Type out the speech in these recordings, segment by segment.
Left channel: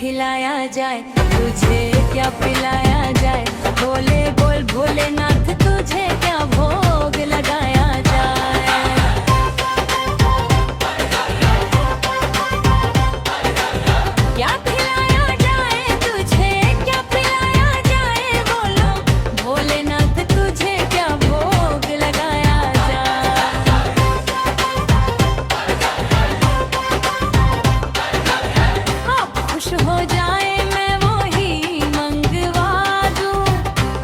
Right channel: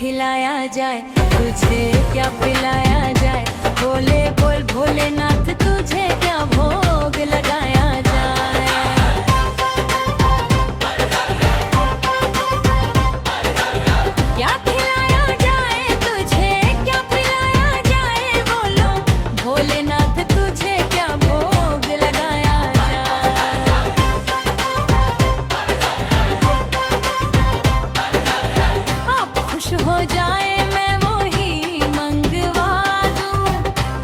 खिलाया जाए, तुझे क्या पिलाया जाए। बोले बोल भोलेनाथ, तुझे क्या भोग लगाया जाए। क्या खिलाया जाए, तुझे क्या पिलाया जाए। बोलो भोलेनाथ, तुझे क्या भोग लगाया जाए। आप खुश हो जाए मैं वही मंगवा दूं।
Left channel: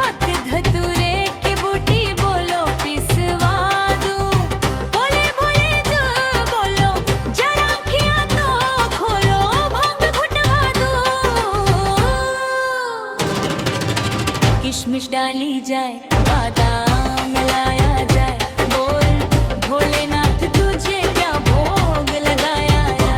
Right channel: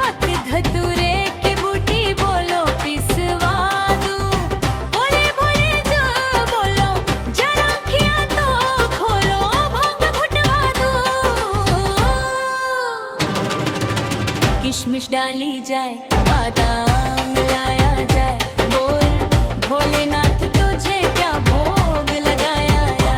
अक धतूरे की बूटी बोलो पिसवा दूं। बोले बोले जो बोलो जरा आँखियाँ तो खोलो, भांग घुटवा दूं। किशमिश डाली जाए, बादाम मिलाया जाए। बोल भोलेनाथ, तुझे क्या भोग लगाया जाए।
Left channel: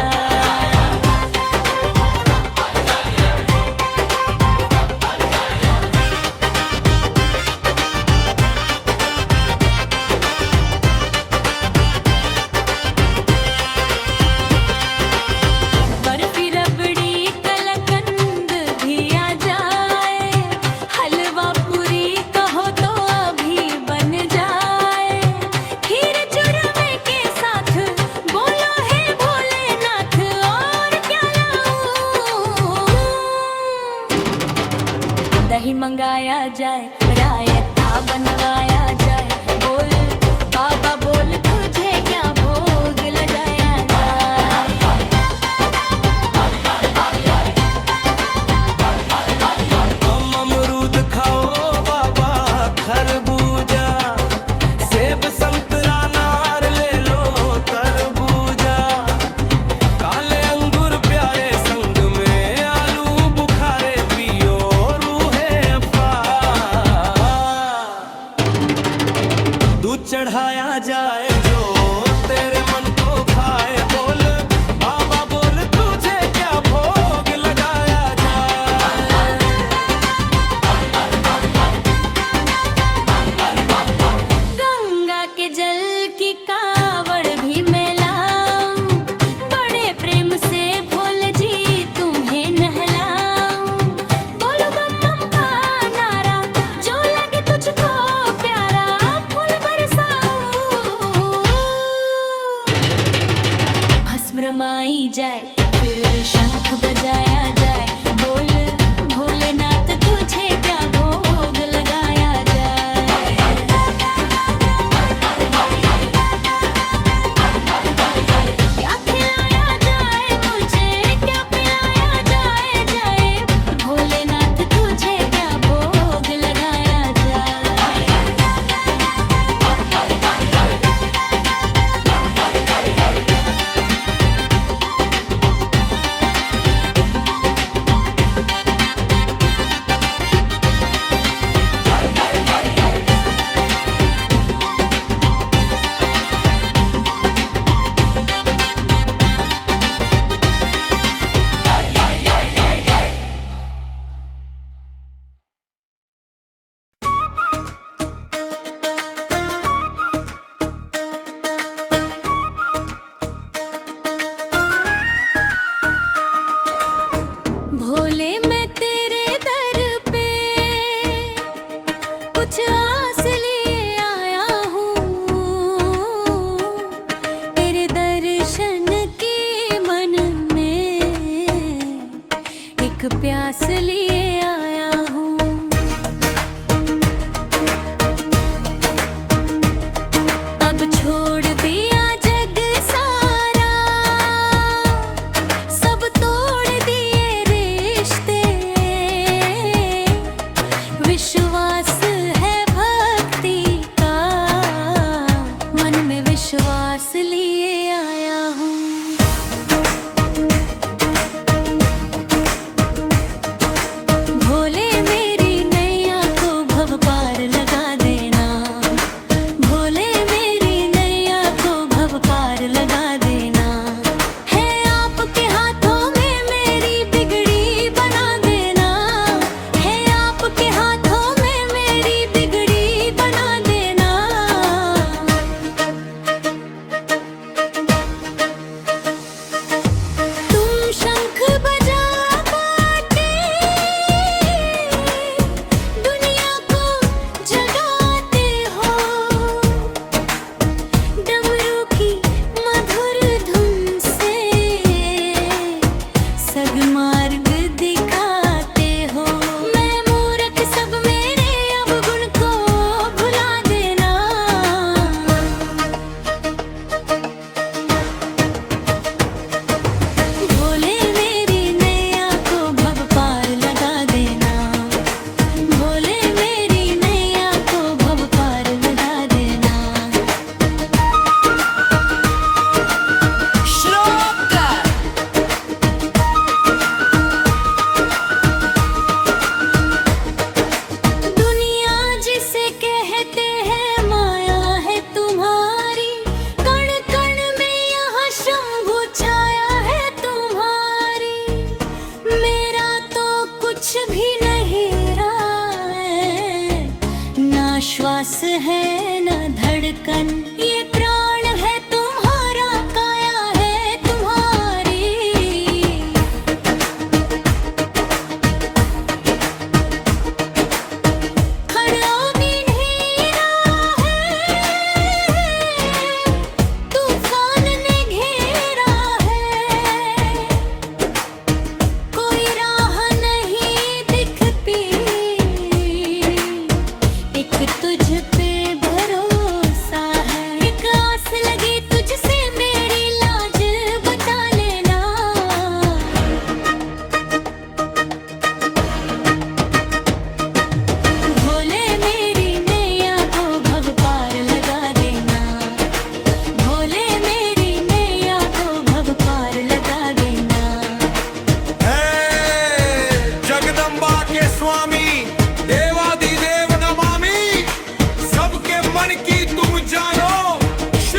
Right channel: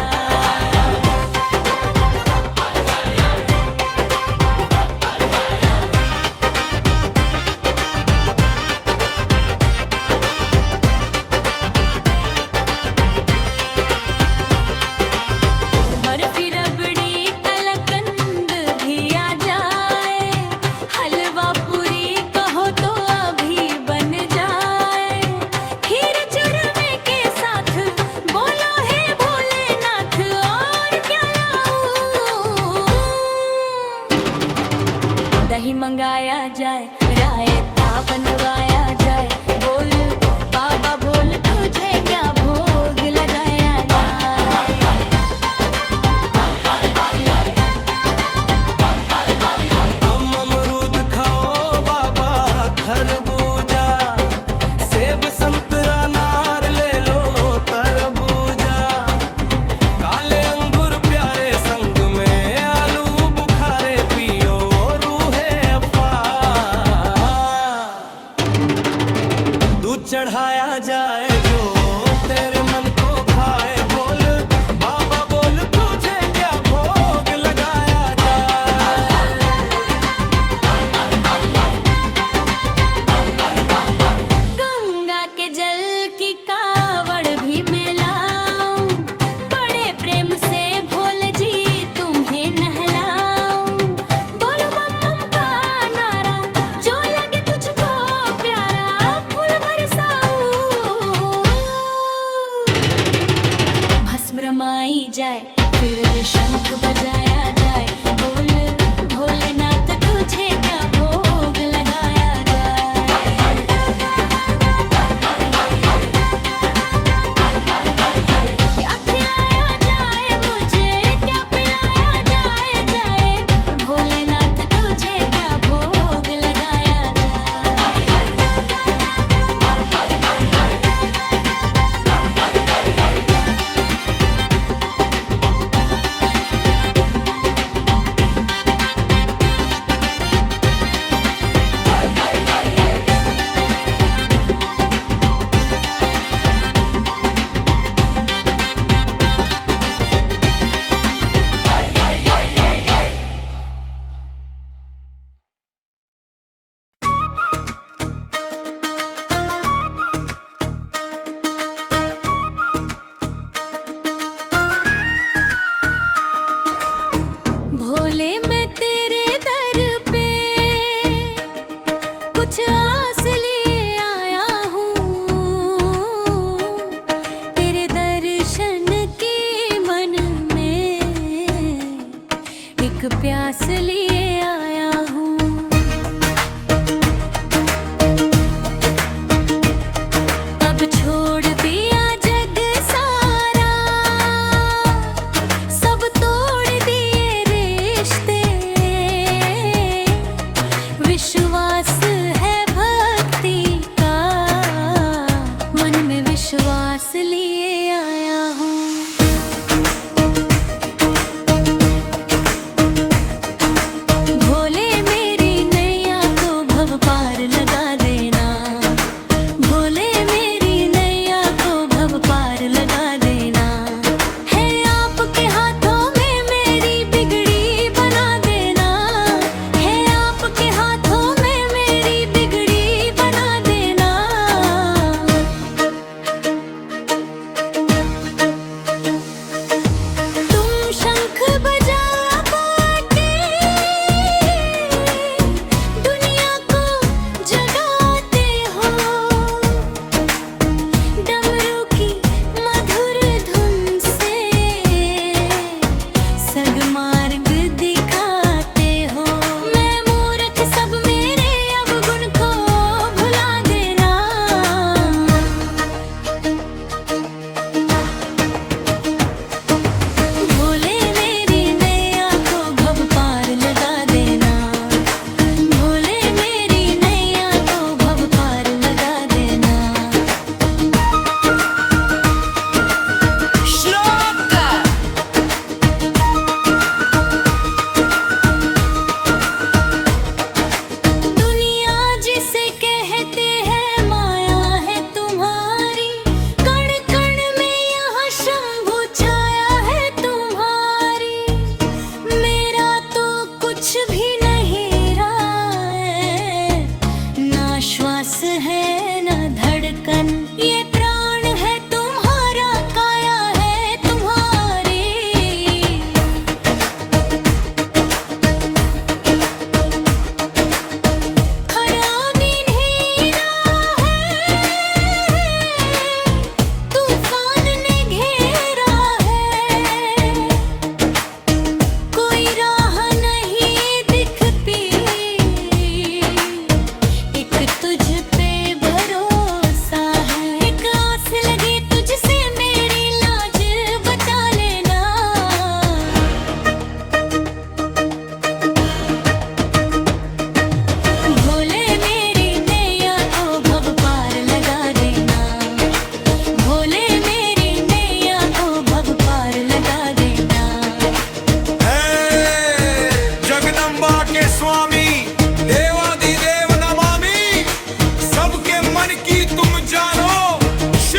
बर्फी रबड़ी कलाकंद भी आ जाए। हलवा पूरी कहो तो अभी बन जाए। खीर चूरमे के साथ बोलो है भोलेनाथ, और क्या लाऊं। दही मंगाया जाए, रायता बनवाया जाए। बोल बाबा बोल, तुझे क्या भोग लगाया जाए। अमरूद खाओ बाबा, खरबूजा सेब संतरा नार ले लो तरबूजा। काले अंगूर प्यारे संग में आलू बुखारे पियो रूहे अफा। दूध चढ़ाया जाए जो तेरे मन को भाए। बोल बाबा बोल, तुझे क्या भोग लगाया जाए। गंगा के जल की कावड़ भी मैं लाऊं। बड़े प्रेम से भोले जी तुम्हें नहलाऊं। बोलो बम बम का नारा, जो लगे तुझको प्यारा, फूल बरसाऊं। भस्म रमाई जाए, फिर शंख बजाया जाए। बोल भोलेनाथ, तुझे क्या भोग लगाया जाए। क्या खिलाया जाए, मुझे क्या पिलाया जाए। जाए भोलेनाथ, तुझे क्या भोग लगाया जाए। भोले मैं तेरे दर पे कुछ आस लिए आया हूँ। तेरे दर्शन की मन में एक प्यास लिए आया हूँ। अब छोड़ दिया जग सारा, सब तोड़ दिए रिश्ते। विश्वास है भक्ति का, मन में विश्वास लिए आया हूँ। भोले मेरी नैया को भव पार लगा देना। भोले मेरी नैया को भव पार लगा देना। है आपके हाथों में मेरी बिगड़ी बना देना। है आपके हाथों में मेरी बिगड़ी बना देना। तुम शंख बजा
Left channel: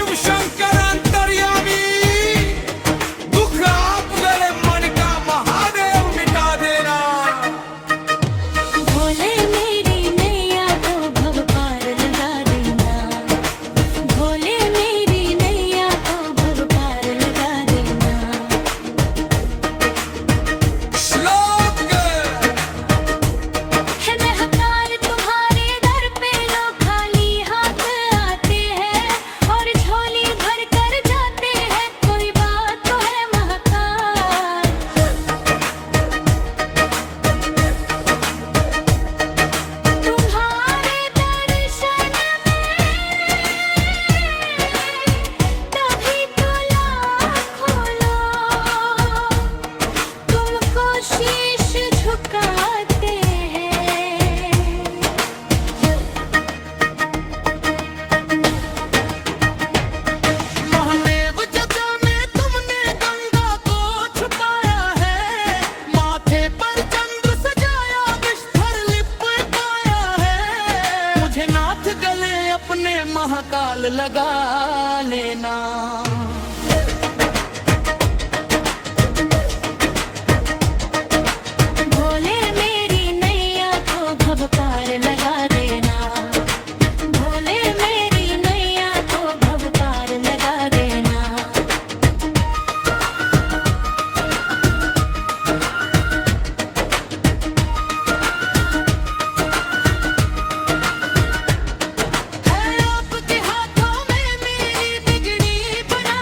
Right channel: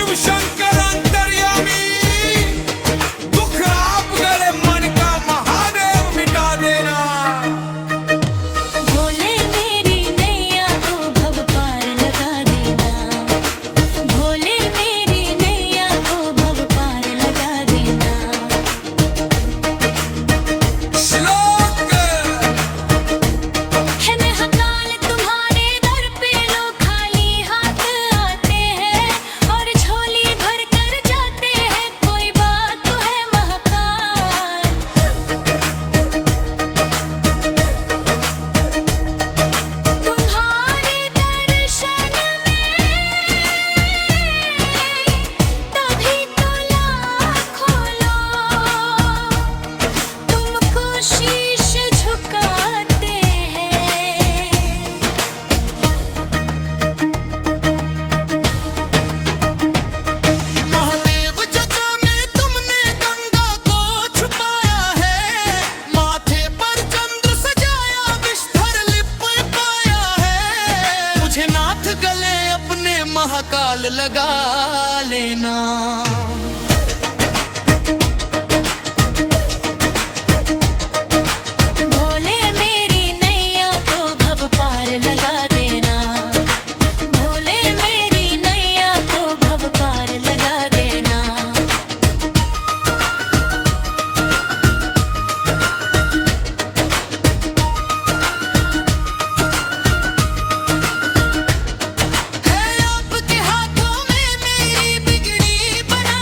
शिव शंकर अंतर्यामी, दुख आप गले मन का महादेव मिटा देना। भोले मेरी नैया को भव पार लगा देना, भोले मेरी नैया को भव पार लगा देना। श्लोक है महाकाल तुम्हारे दर पे लोग खाली हाथ आते हैं और झोली भर कर जाते हैं, कोई बात तो है महाकाल। तुम्हारे दर्शन में तभी तो लाखों लोग तुमको शीश झुकाते हैं। महादेव जटा में तुमने गंगा को छुपाया है, माथे पर चंद्र सजाया विष्ठर लिप पाया है। मुझे नाथ गले अपने महाकाल लगा लेना। भोले मेरी नैया को भव पार लगा देना, भोले मेरी नैया को भव पार लगा देना। है आपके हाथों में मेरी बिगड़ी बना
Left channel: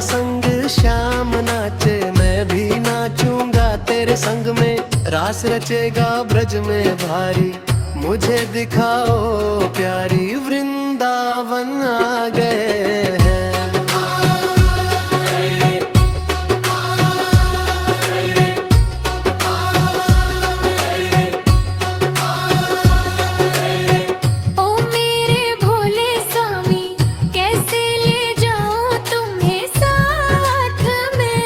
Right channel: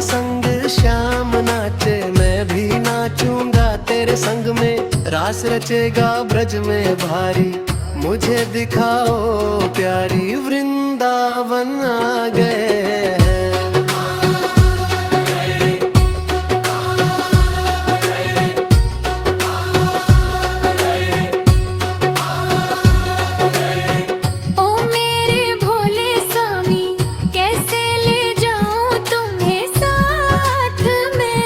तेरे संग शाम नाचे मैं भी नाचूंगा तेरे संग में। रास रचेगा ब्रज में भारी, मुझे दिखाओ प्यारी, वृंदावन आ गए हैं। ओ मेरे भोले स्वामी, कैसे ले जाऊं तुम्हें साथ में।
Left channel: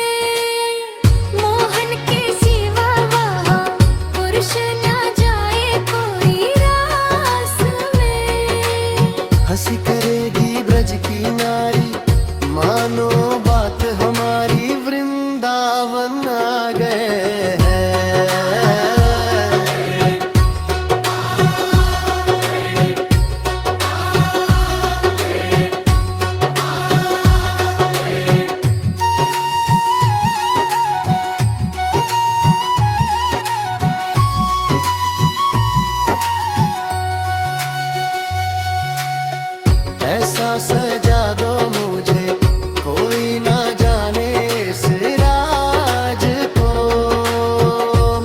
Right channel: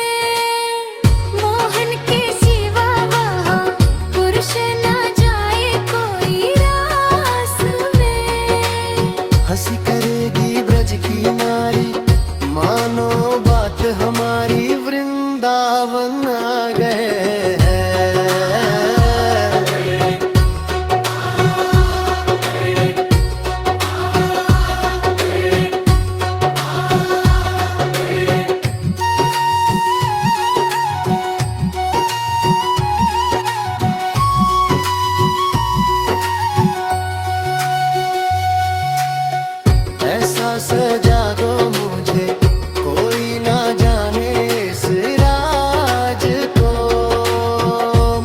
मोहन के सिवा वहाँ पुरुष ना जाए कोई रास में। हंसी करेगी ब्रज की नारी, मानो बात हमारी, वृंदावन आ गए हैं। ऐसा सजा दो मुझे कोई ना जाने इस राज को।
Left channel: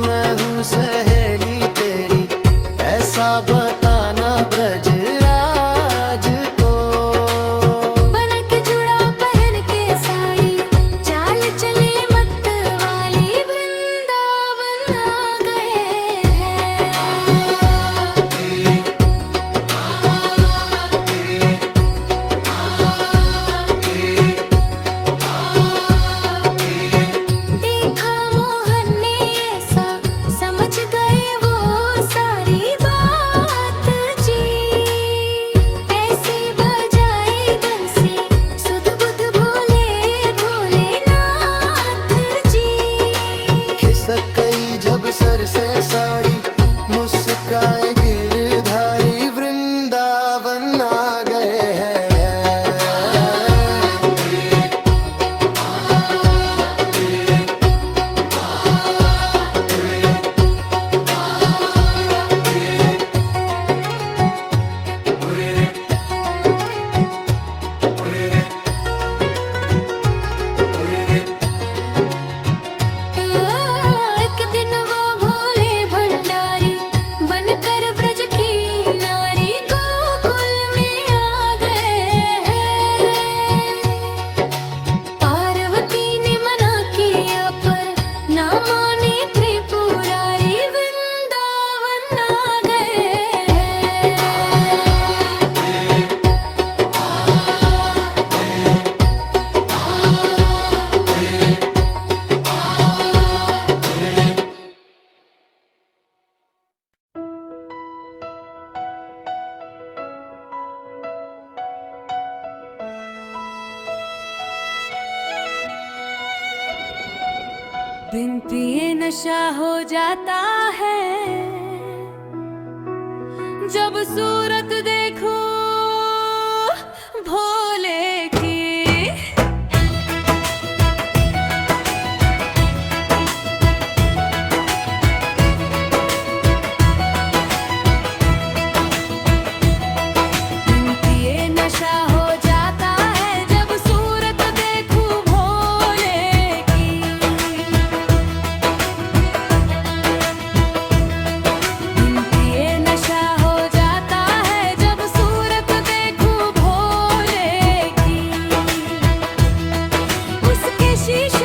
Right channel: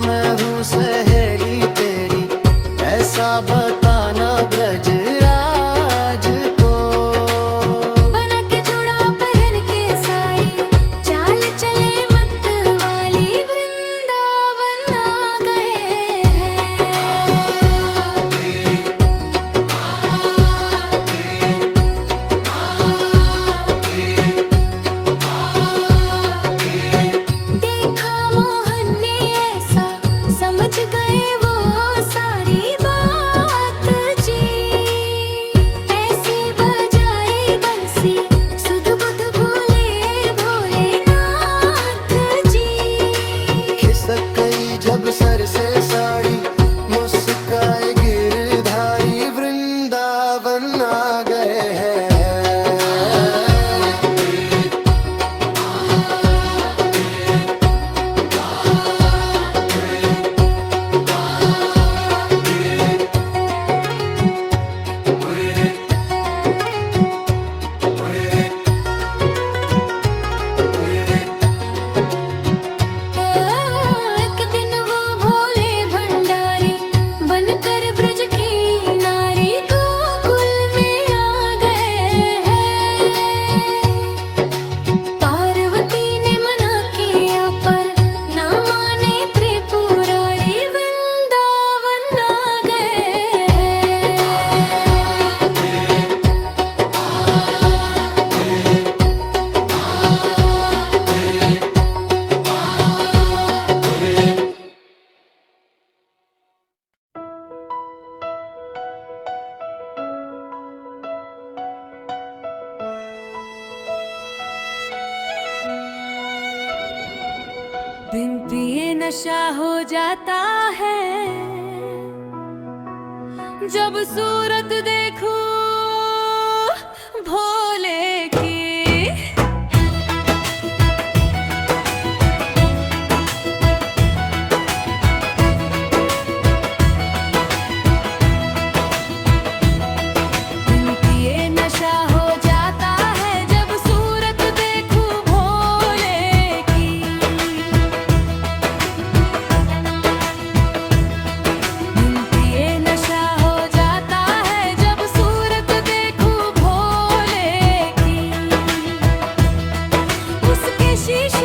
मैं हूँ सहेली तेरी, ऐसा बताना ब्रज राज को। बना के जुड़ा पहन के साड़ी, चाल चले मत वाली, वृंदावन आ गए हैं। देखा मोहन ने ऐसा, समझ गए वो सारी बात जी। ऐसी बजाई बंसी, सुध बुध भोले भोलेनाथ जी। खिसक गई जब सर से साड़ी, मुस्काए गिरधारी, वृंदावन आ गए हैं। एक दिन वो भोले भंडारी बनकर ब्रज की नारी, गोकुल में आ गए हैं। पार्वती ने मना किया पर ना माने त्रिपुरारी, वृंदावन आ गए हैं। बिन पिए नशा हो जाता है, जब सूरत देखूं भोले की। बिन पिए नशा हो जाता है, जब सूरत देखूं भोले की। बिन पिए नशा हो जाता है, जब सूरत देखूं भोले की। उसके शीश